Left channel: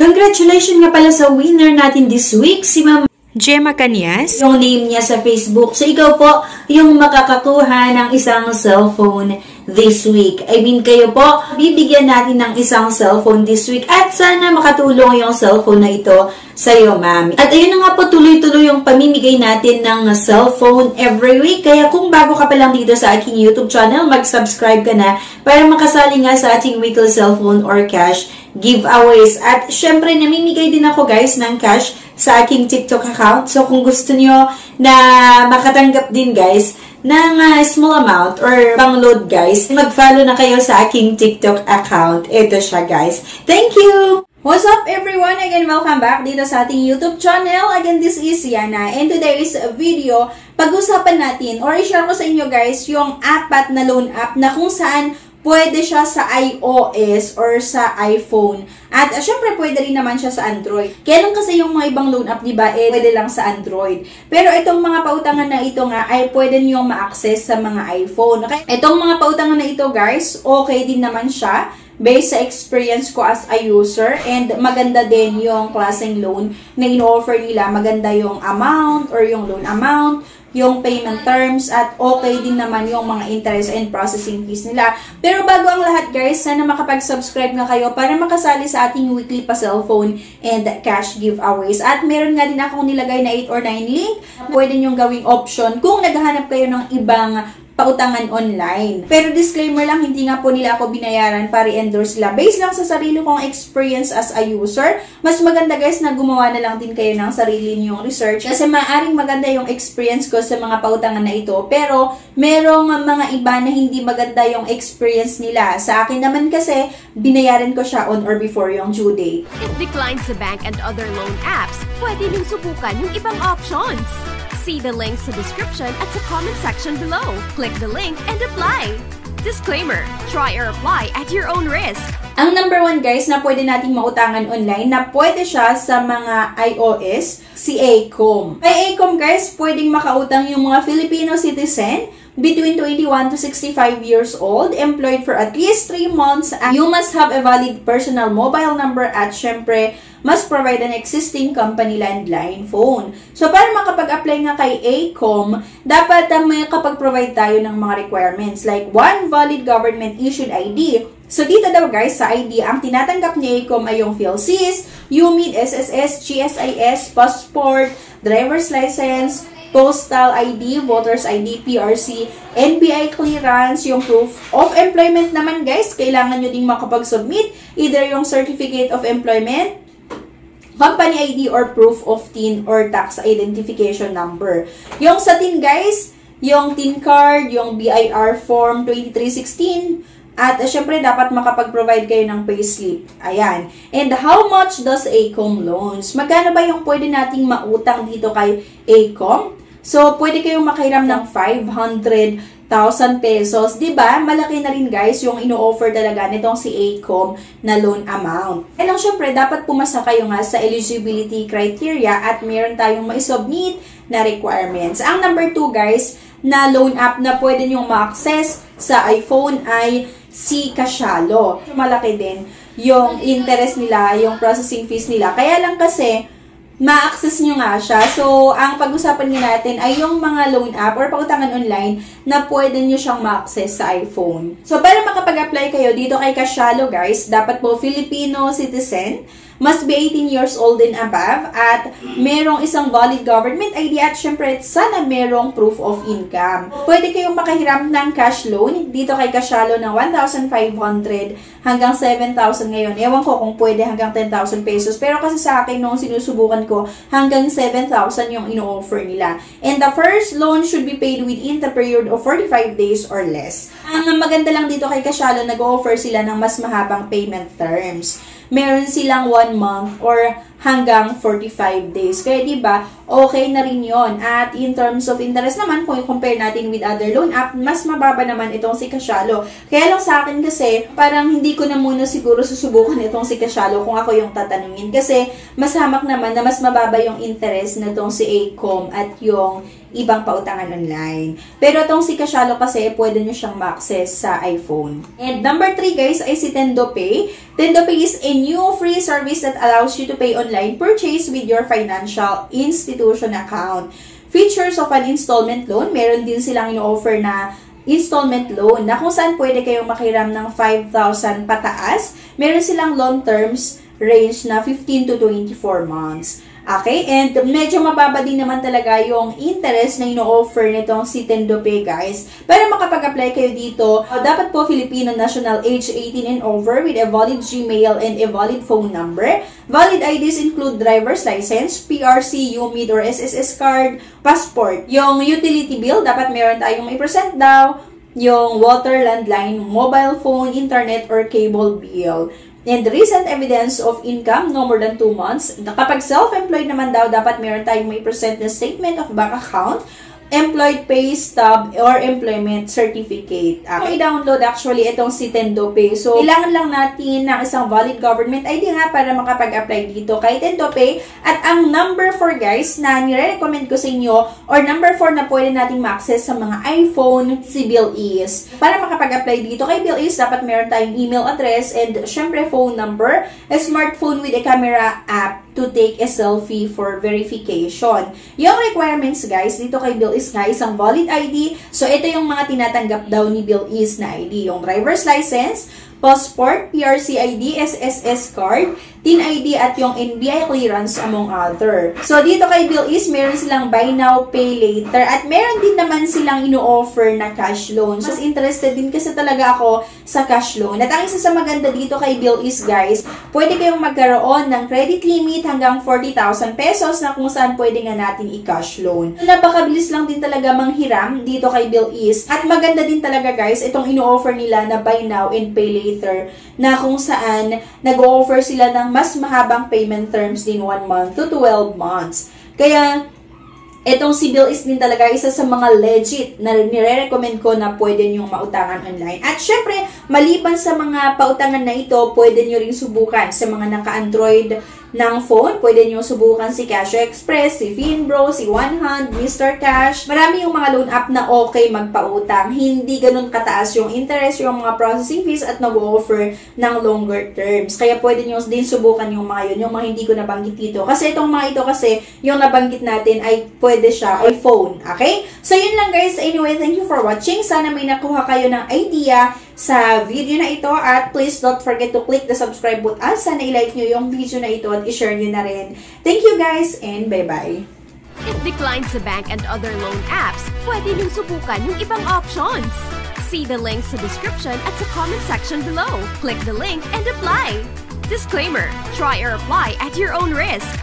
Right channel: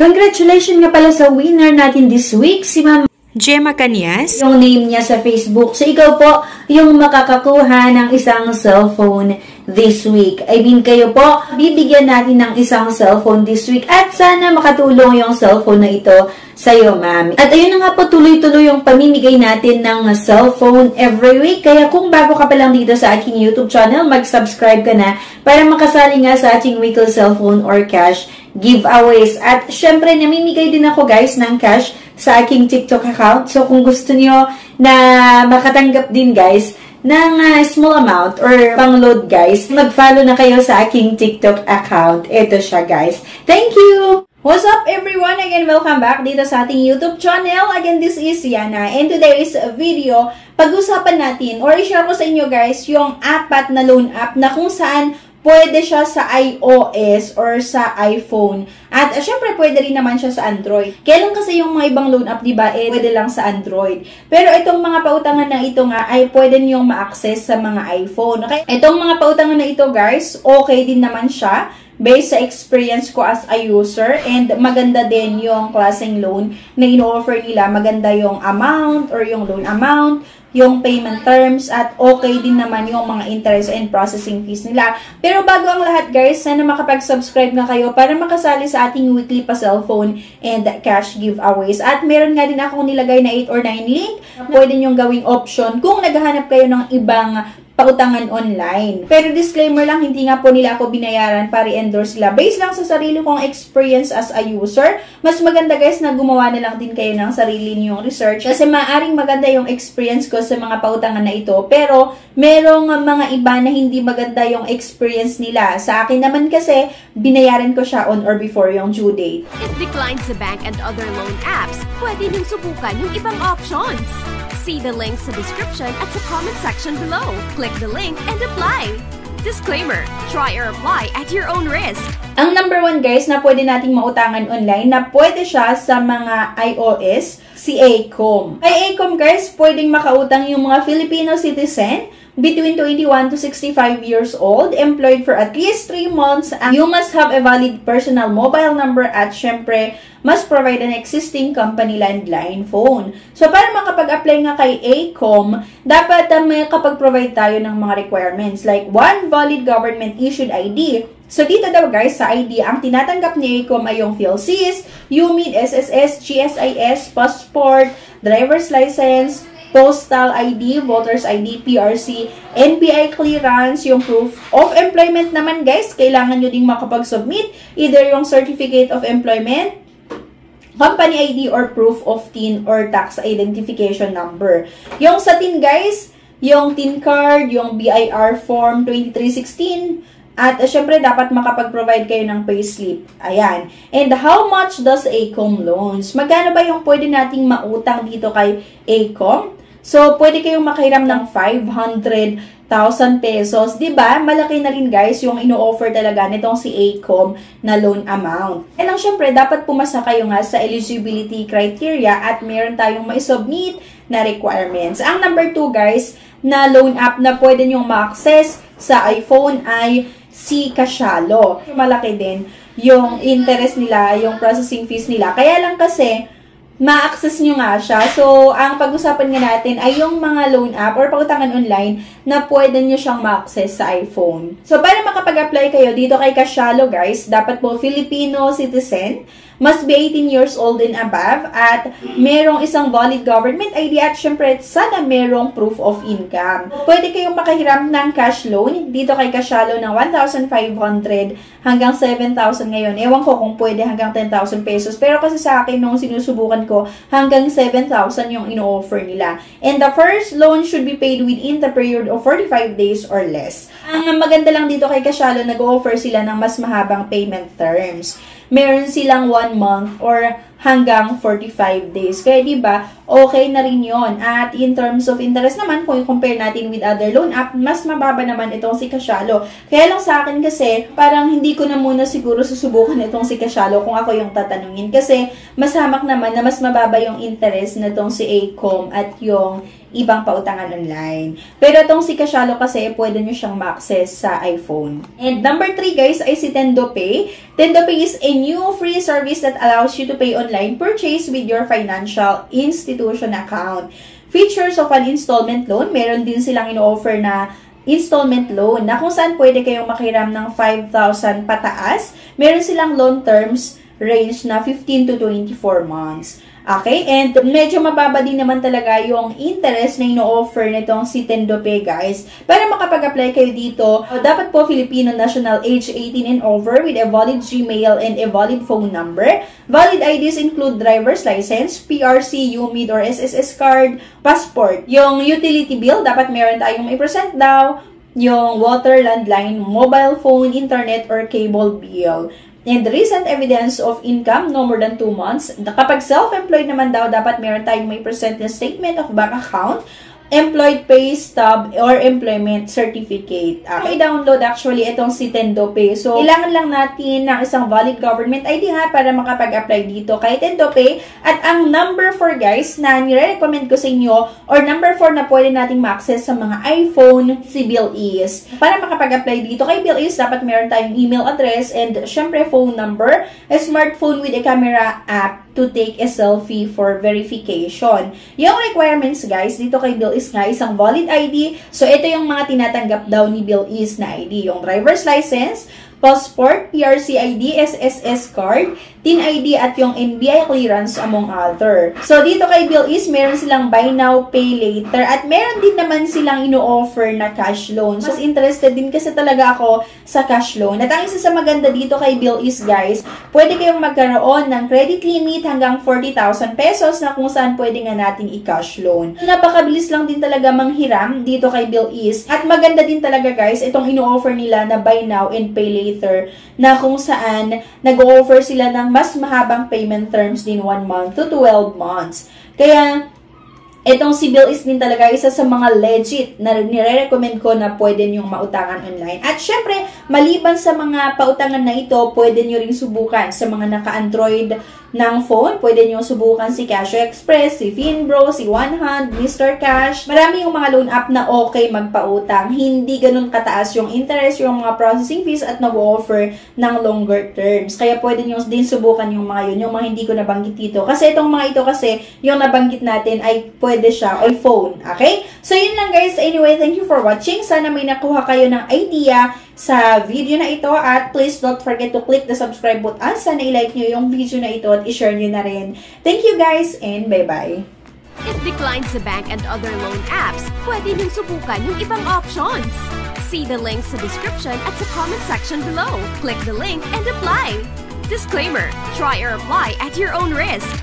Congratulations nga pala sa winner natin this week, si Ma'am Gemma Cañas. Yung name niya sa Facebook. So, ikaw po yung makakakuha ng isang cellphone this week. I mean, kayo po, bibigyan natin ng isang cellphone this week at sana makatulong yung cellphone na ito sa'yo, ma'am. At ayun na nga po, tuloy-tuloy yung pamimigay natin ng cellphone every week. Kaya kung bago ka pa lang dito sa aking YouTube channel, mag-subscribe ka na para makasali nga sa ating weekly cellphone or cash giveaways. At syempre, namimigay din ako guys ng cash sa aking TikTok account. So, kung gusto niyo na makatanggap din guys ng small amount or pang-load guys, mag-follow na kayo sa aking TikTok account. Ito siya guys. Thank you! What's up everyone? Again, welcome back dito sa ating YouTube channel. Again, this is Yana. And today's video, pag-usapan natin or i-share ko sa inyo guys yung apat na loan app na kung saan pwede siya sa iOS or sa iPhone. At syempre, pwede rin naman siya sa Android. Kaya lang kasi yung mga ibang loan app, diba, pwede lang sa Android. Pero itong mga pautangan na ito nga, ay pwede niyong ma-access sa mga iPhone. Okay? Itong mga pautangan na ito, guys, okay din naman siya based sa experience ko as a user. And maganda din yung klaseng loan na in-offer nila. Maganda yung amount or yung loan amount, yung payment terms, at okay din naman yung mga interest and processing fees nila. Pero bago ang lahat guys, sana makapag-subscribe na kayo para makasali sa ating weekly pa cellphone and cash giveaways. At meron nga din akong nilagay na 8 or 9 link. Pwede nyong gawing option kung naghahanap kayo ng ibang pautangan online. Pero disclaimer lang, hindi nga po nila ako binayaran para i-endorse sila. Based lang sa sarili kong experience as a user, mas maganda guys na gumawa na lang din kayo ng sarili niyong research. Kasi maaaring maganda yung experience ko sa mga pautangan na ito. Pero merong mga iba na hindi maganda yung experience nila. Sa akin naman kasi, binayaran ko siya on or before yung due date. If declined sa bank and other loan apps, pwede niyong subukan yung ibang options. See the links sa description at sa comment section below. Click the link and apply. Disclaimer, try or apply at your own risk. Ang number 1 guys na pwede nating mautangan online na pwede siya sa mga iOS, si Acom. Kay Acom guys, pwedeng makautang yung mga Filipino citizen between 21 to 65 years old, employed for at least 3 months, and you must have a valid personal mobile number at syempre, must provide an existing company landline phone. So, para makapag-apply nga kay Acom, dapat may kapag-provide tayo ng mga requirements like 1 valid government-issued ID. So, dito daw guys, sa ID, ang tinatanggap ni Acom ay yung PhilSys, UMID, SSS, GSIS, passport, driver's license, postal ID, voter's ID, PRC, NBI clearance, yung proof of employment naman guys, kailangan nyo ding makapag-submit either yung certificate of employment, company ID, or proof of TIN or tax identification number. Yung sa TIN guys, yung TIN card, yung BIR form 2316, at syempre, dapat makapag-provide kayo ng payslip. Ayan. And how much does Acom loans? Magkano ba yung pwede nating mautang dito kay Acom? So, pwede kayong makahiram ng 500,000 pesos. Diba? Malaki na rin guys yung ino-offer talaga nitong si Acom na loan amount. And lang syempre, dapat pumasa kayo nga sa eligibility criteria at meron tayong ma-submit na requirements. Ang number 2 guys, na loan app na pwede nyong ma-access sa iPhone ay si Cashalo. Malaki din yung interest nila, yung processing fees nila. Kaya lang kasi, ma-access nyo nga siya. So, ang pag-usapan nga natin ay yung mga loan app or pautangan online na pwede nyo siyang ma-access sa iPhone. So, para makapag-apply kayo dito kay Cashalo guys, dapat po Filipino citizen, must be 18 years old and above, at merong isang valid government ID, at syempre, sana merong proof of income. Pwede kayong makahiram ng cash loan dito kay Cashalo ng 1,500 hanggang 7,000 ngayon. Ewan ko kung pwede hanggang 10,000 pesos. Pero kasi sa akin, nung sinusubukan ko, hanggang 7,000 yung ino-offer nila. And the first loan should be paid within the period of 45 days or less. Ang maganda lang dito kay Cashalo, nag-offer sila ng mas mahabang payment terms. Meron silang 1 month or hanggang 45 days. Kaya diba, okay na rin yon. At in terms of interest naman, kung i-compare natin with other loan app, mas mababa naman itong si Cashalo. Kaya lang sa akin kasi, parang hindi ko na muna siguro susubukan itong si Cashalo kung ako yung tatanungin. Kasi mas hamak naman na mas mababa yung interest na itong si Acom at yung ibang pautangan online. Pero itong si Cashalo kasi, pwede nyo siyang ma-access sa iPhone. And number 3 guys ay si TendoPay. TendoPay is a new free service that allows you to pay online purchase with your financial institution account. Features of an installment loan, meron din silang ino-offer na installment loan na kung saan pwede kayong makiram ng 5,000 pataas. Meron silang loan terms range na 15 to 24 months. Okay? And medyo mababa din naman talaga yung interest na ino-offer nitong si TendoPay, guys. Para makapag-apply kayo dito, dapat po Filipino national age 18 and over with a valid Gmail and a valid phone number. Valid IDs include driver's license, PRC, UMID or SSS card, passport. Yung utility bill, dapat meron tayong may present daw. Yung water, landline, mobile phone, internet, or cable bill. And recent evidence of income, no more than 2 months. Kapag self-employed naman daw, dapat meron tayong may present na statement of bank account, employed pay stub, or employment certificate. I-download actually itong si TendoPay. So, kailangan lang natin ng isang valid government ID ha para makapag-apply dito kay TendoPay. At ang number 4 guys na nire-recommend ko sa inyo or number 4 na pwede nating ma-access sa mga iPhone si BillEase. Para makapag-apply dito kay BillEase, dapat meron tayong email address and syempre phone number, a smartphone with a camera app to take a selfie for verification. Yung requirements guys, dito kay BillEase nga, isang valid ID. So, ito yung mga tinatanggap daw ni BillEase na ID. Yung driver's license, passport, PRC ID, SSS card, TIN ID at yung NBI clearance among other. So, dito kay BillEase, meron silang buy now, pay later at meron din naman silang ino-offer na cash loan. So, interested din kasi talaga ako sa cash loan. At ang isa sa maganda dito kay BillEase guys, pwede kayong magkaroon ng credit limit hanggang 40,000 pesos na kung saan pwede nga natin i-cash loan. So, napakabilis lang din talaga manghiram dito kay BillEase. At maganda din talaga guys, itong ino-offer nila na buy now and pay later na kung saan nag-o-offer sila ng mas mahabang payment terms din 1 month to 12 months. Kaya, itong si BillEase din talaga isa sa mga legit na nire-recommend ko na pwede nyong mautangan online. At syempre, maliban sa mga pautangan na ito, pwede nyo ring subukan sa mga naka-Android ng phone. Pwede nyo subukan si Cash Express, si Finbro, si OneHand, Mr. Cash. Marami yung mga loan app na okay magpautang. Hindi ganun kataas yung interest, yung mga processing fees at nag-offer ng longer terms. Kaya pwede nyo din subukan yung mga yun, yung mga hindi ko nabanggit dito. Kasi itong mga ito kasi, yung nabanggit natin ay pwede siya iPhone. Okay? So yun lang guys. Anyway, thank you for watching. Sana may nakuha kayo ng idea sa video na ito at please don't forget to click the subscribe button. Sana i-like nyo yung video na ito at i-share nyo na rin. Thank you guys and bye-bye. If declined sa bank and other loan apps, pwede niyong subukan yung ibang options. See the links sa description at sa comment section below. Click the link and apply. Disclaimer, try or apply at your own risk.